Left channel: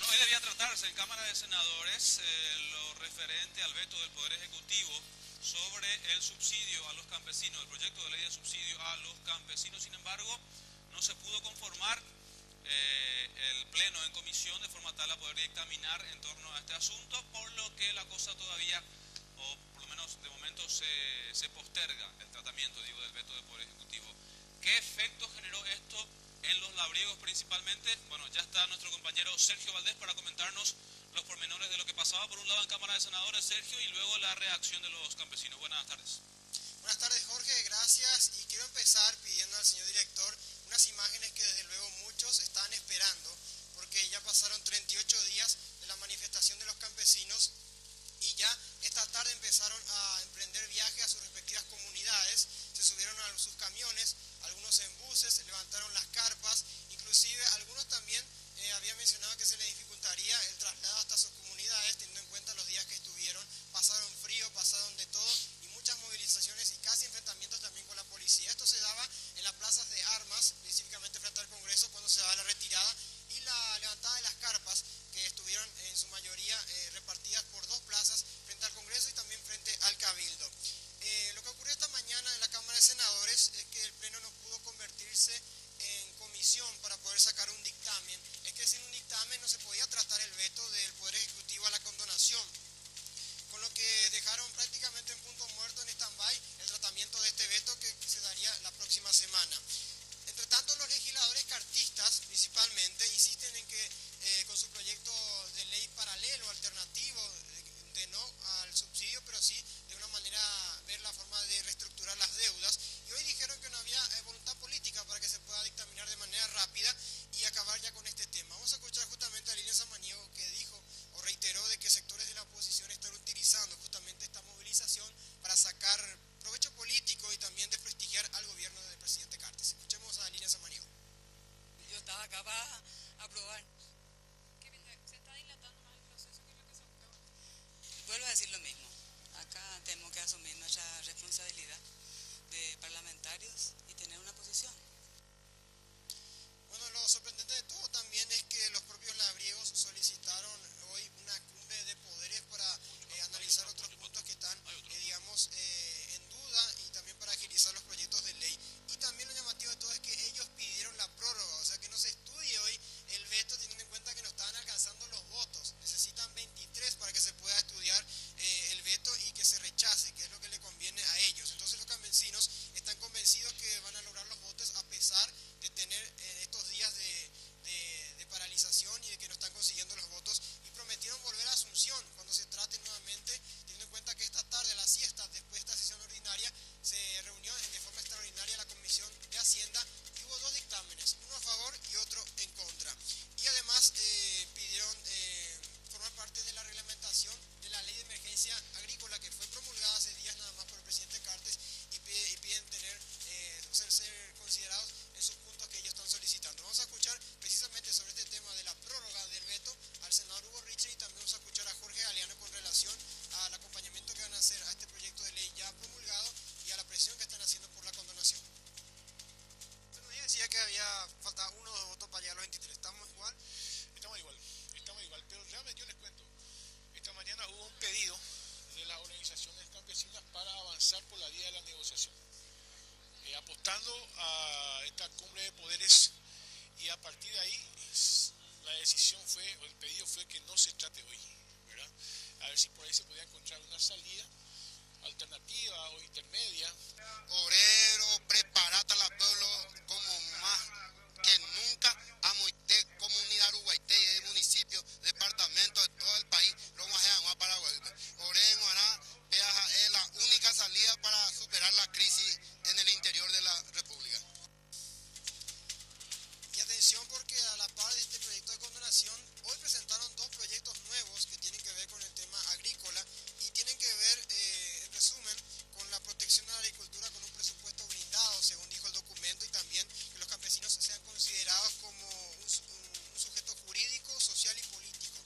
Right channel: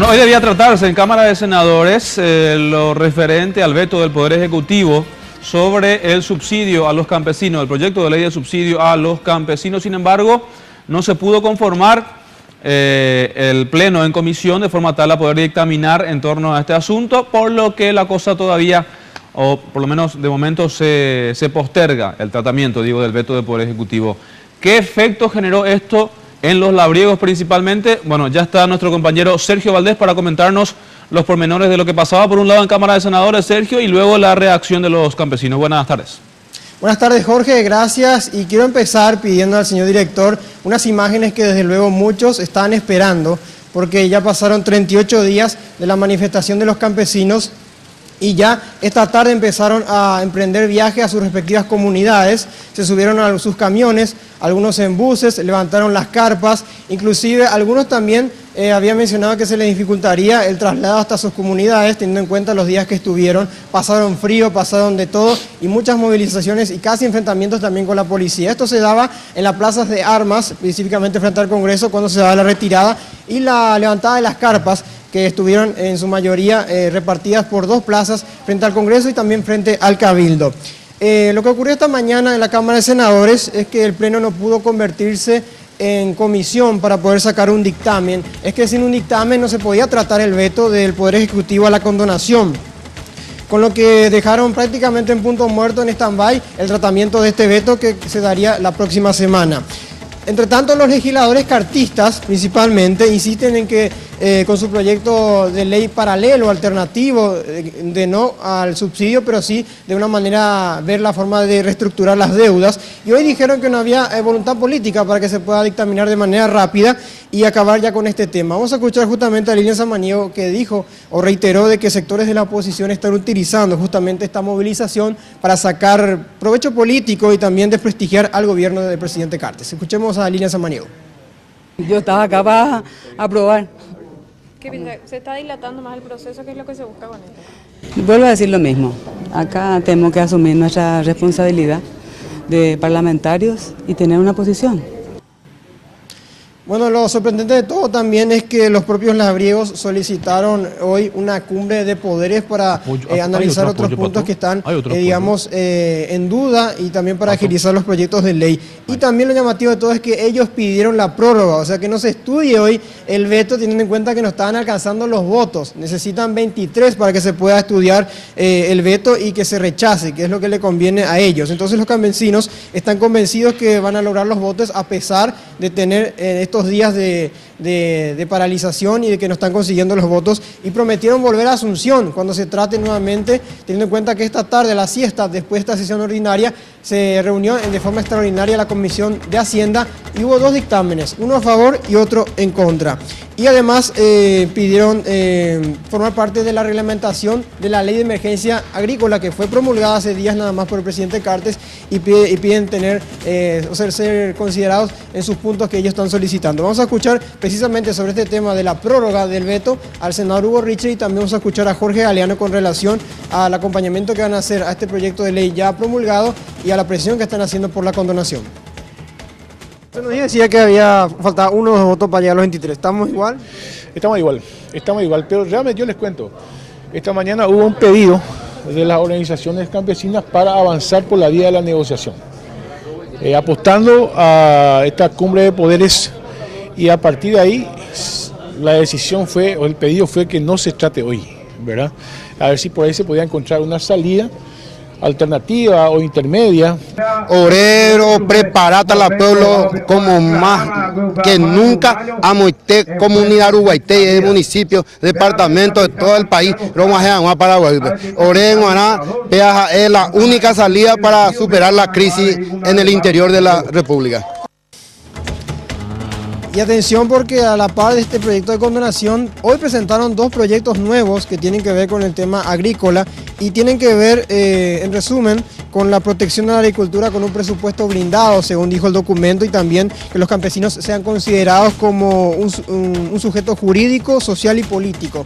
Bueno, hoy debía tratarse en Cámara de Senadores lo referente al veto del Poder Ejecutivo sobre el subsidio a los campesinos, el proyecto de ley de subsidio a los campesinos. Sin embargo, no se pudo conformar el Pleno en comisión de forma tal a poder dictaminar en torno a este asunto, por lo que la cosa todavía, o por lo menos de momento, se posterga el tratamiento, del veto del Poder Ejecutivo. ¿Qué efecto generó esto en los labriegos principalmente? Bueno, ya está nuestro compañero Sergio Valdés para comentarnos los pormenores de lo que pasaba por un lado en Cámara de Senadores, Sergio, y luego la reacción de los campesinos. Buenas tardes. Buenas tardes, Jorge, gracias. Y quiero empezar pidiendo al señor director unas imágenes que desde luego muchos están esperando, porque ya pasaron 38 días de la manifestación de los campesinos y ya esta tarde empezaron a emprender viajes a sus respectivas comunidades, se subieron a sus camiones, algunos en buses, levantaron las carpas, inclusive algunos también habían mencionado que se les dificultaría el traslado hasta sus comunidades, teniendo en cuenta los días que estuvieron, pasaron frío, pasaron de todo y muchas movilizaciones y casi enfrentamientos también con la policía. Esto se daba en las plazas de armas, específicamente frente al Congreso, cuando se daba la retirada y la levantada de las carpas, que estuvieron en su mayoría repartidas por dos plazas frente al Congreso y también frente al Cabildo. Lo que ocurrió esta mañana en la Cámara de Senadores es que el Pleno no pudo convertirse en comisión para poder sacar un dictamen. Es que sin un dictamen no se podía tratar el veto del Poder Ejecutivo a la condonación, con lo que dejaron prácticamente en punto muerto, en stand-by, el tratamiento de este veto que se daría la próxima semana. Entre tanto, los legisladores cartistas, principalmente, insisten en que con su proyecto de ley paralelo, alternativo, de no al subsidio, pero sí de una manera ver la forma de reestructurar las deudas. Y hoy dijeron que no había voluntad política para que se pueda dictaminar de manera rápida y acabar ya con este tema. Vamos a escuchar justamente a Lilian Samaniego, que dijo o reiteró de que sectores de la oposición están utilizando justamente esta movilización para sacar provecho político y también desprestigiar al gobierno del presidente Cartes. Escuchemos a Lilian Samaniego. Yo estaba acá para aprobar. ¿Se está dilatando más el proceso? ¿Qué es lo que se busca con esto? Vuelvo a decir lo mismo. Acá tenemos que asumir nuestra responsabilidad de parlamentarios y tener una posición. Bueno, lo sorprendente de todo también es que los propios labriegos solicitaron hoy una cumbre de poderes para analizar otros puntos que están, en duda y también para agilizar los proyectos de ley. Y también lo llamativo de todo es que ellos pidieron la prórroga, o sea que no se estudie hoy el veto teniendo en cuenta que no estaban alcanzando los votos. Necesitan 23 para que se pueda estudiar el veto y que se rechace, que es lo que le conviene a ellos. Entonces los campesinos están convencidos que van a lograr los votos a pesar de tener estos días de paralización y de que no están consiguiendo los votos, y prometieron volver a Asunción cuando se trate nuevamente, teniendo en cuenta que esta tarde, la siesta, después de esta sesión ordinaria, se reunió de forma extraordinaria la Comisión de Hacienda y hubo dos dictámenes, uno a favor y otro en contra. Y además pidieron formar parte de la reglamentación de la Ley de Emergencia Agrícola, que fue promulgada hace días nada más por el presidente Cartes, y piden tener, ser considerados en sus puntos que ellos están solicitando. Vamos a escuchar precisamente sobre este tema de la prórroga del veto al senador Hugo Richeri y también vamos a escuchar a Jorge Galeano con relación al acompañamiento que van a hacer a este proyecto de ley ya promulgado y a la presión que están haciendo por la condonación. Usted nos decía que faltaba uno o dos votos para llegar a los 23. ¿Estamos igual? Estamos igual, pero realmente yo les cuento. Esta mañana hubo un pedido de las organizaciones campesinas para avanzar por la vía de la negociación, apostando a esta cumbre de poderes, y a partir de ahí la decisión fue, o el pedido fue que no se trate hoy, ¿verdad? A ver si por ahí se podía encontrar una salida alternativa o intermedia. Obrero, preparata la pueblo como más que nunca, Amoité, comunidad uruguayté, de municipio, departamento de todo el país, Roma, Paraguay. Obrero, es la única salida para superar la crisis en el interior de la República. Y atención, porque a la par de este proyecto de condonación, hoy presentaron dos proyectos nuevos que tienen que ver con el tema agrícola y tienen que ver, en resumen, con la protección de la agricultura con un presupuesto blindado, según dijo el documento, y también que los campesinos sean considerados como un sujeto jurídico, social y político.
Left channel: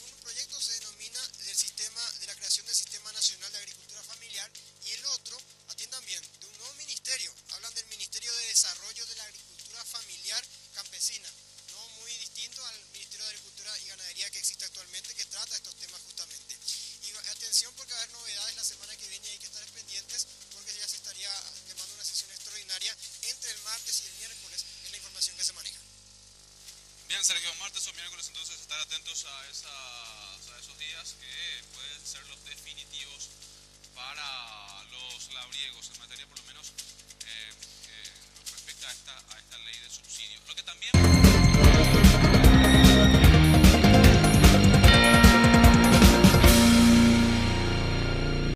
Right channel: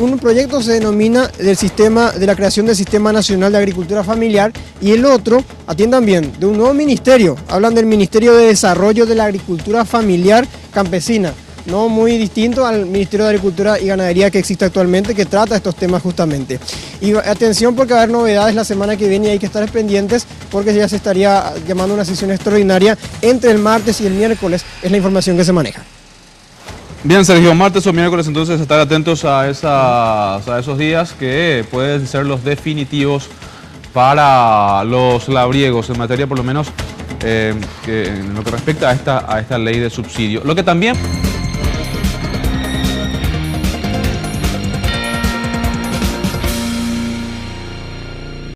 Un proyecto se denomina de la creación del Sistema Nacional de Agricultura Familiar, y el otro, atiendan bien, de un nuevo ministerio. Hablan del Ministerio de Desarrollo de la Agricultura Familiar Campesina. no muy distinto al Ministerio de Agricultura y Ganadería que existe actualmente, que trata estos temas justamente. Y atención porque va a haber novedades la semana que viene y hay que estar pendientes porque ya se estaría llamando una sesión extraordinaria entre el martes y el miércoles, es la información que se maneja. Bien, Sergio, martes o miércoles entonces estar atentos a esos días que pueden ser los definitivos para los labriegos en materia por lo menos en lo que respecta a esta ley de subsidio. Lo que también